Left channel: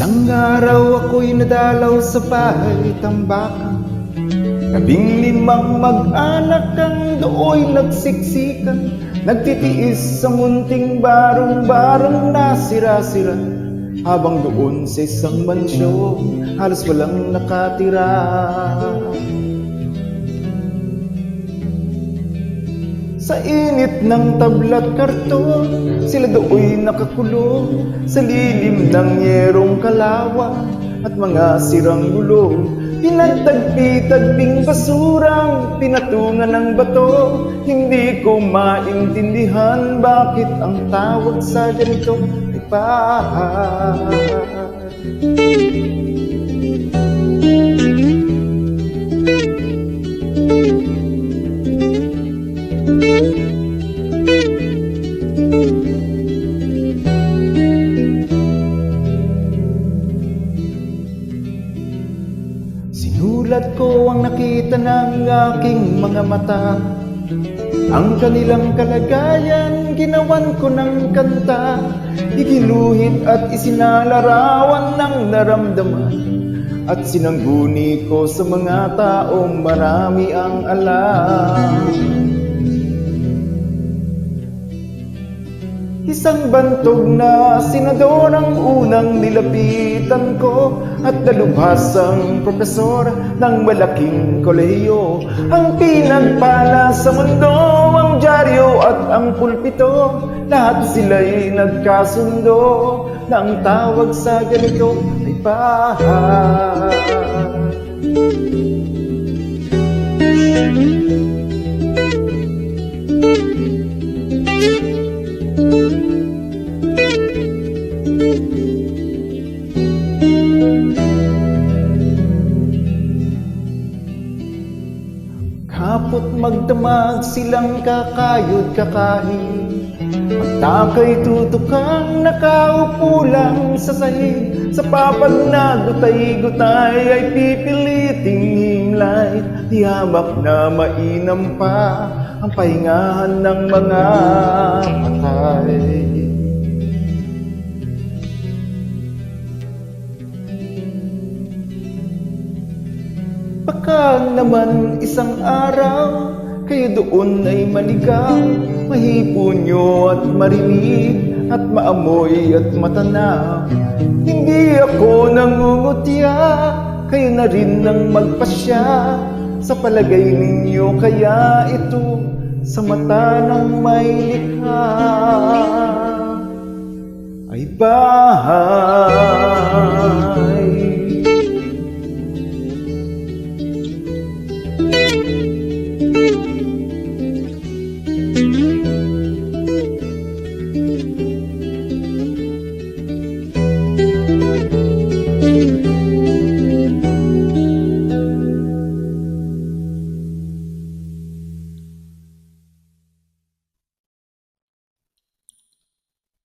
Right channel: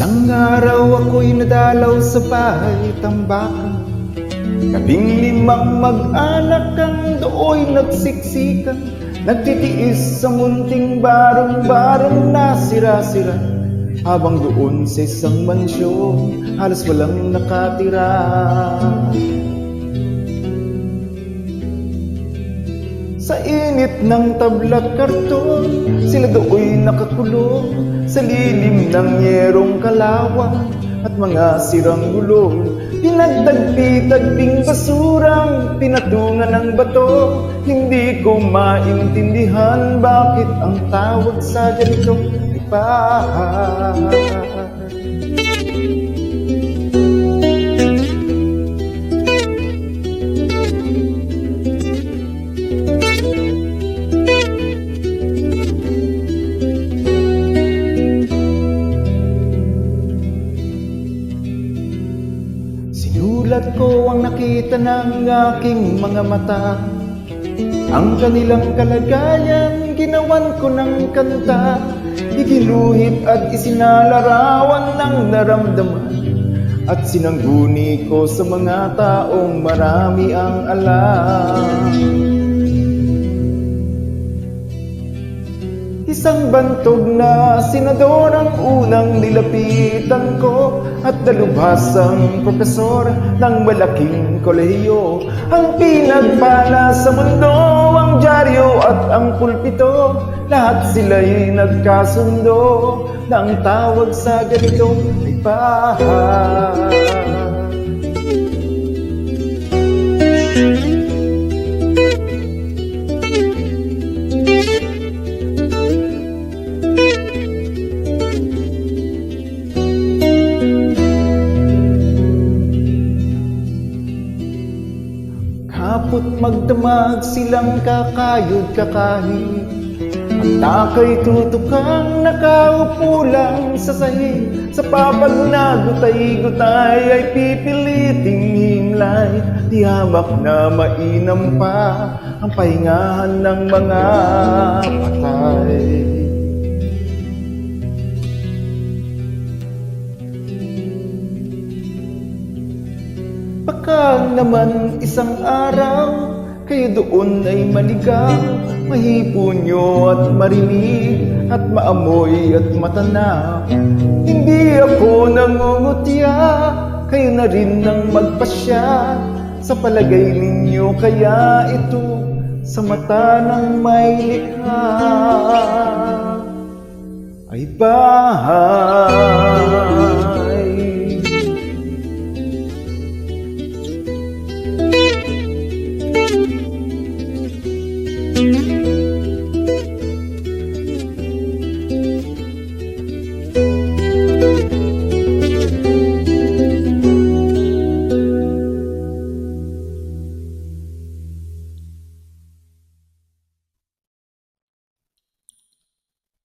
Isang araw ako'y nadalaw sa bahay tambakan. 15 mag-anak ang dooy nagsiksikan, nagtitiis sa munting barong-barong na sira-sira. Habang doon sa isang mansyon, halos walang nakatira. Sa init ng tabla't karton, sila dooy nakakulong sa lilim ng yerong kalawan at mga sirang gulong. Pinagtagpi-tagping basurang pinatungan ng bato. Hindi ko maintindihan bakit ang tawag sa ganito ay bahay. Sinulat ko ang nakita ng aking mga mata, ang kanilang kalagayan ginawan ko ng kanta. Iginuhit at isinalarawan ng naramdaman, at sinangguni ko sa mga taong marami ang alam. Isang bantog na senador ang unang nilapitan ko, at dalubhasang propesor ng malaking kolehiyo. Ang pinagpala sa mundo, ang dyaryo at ang pulpito, lahat sila'y nagkasundo na ang tawag sa ganito ay bahay. Kapot magdamag silang kakayod kakahig, pagtakay tutukang nakaupo lang sa sahig. Sa papag na gutay-gutay ay pipiliting himlay, di hamak na mainam pa ang pahingahan ng mga patay. Baka naman isang araw kayo doon ay maligaw, mahipon nyo at marinig at maamoy at matanaw. Hindi ako nangungutya, kayo na rin nang magpasya. Sa palagay ninyo kaya ito sa mata ng may likha ay bahay.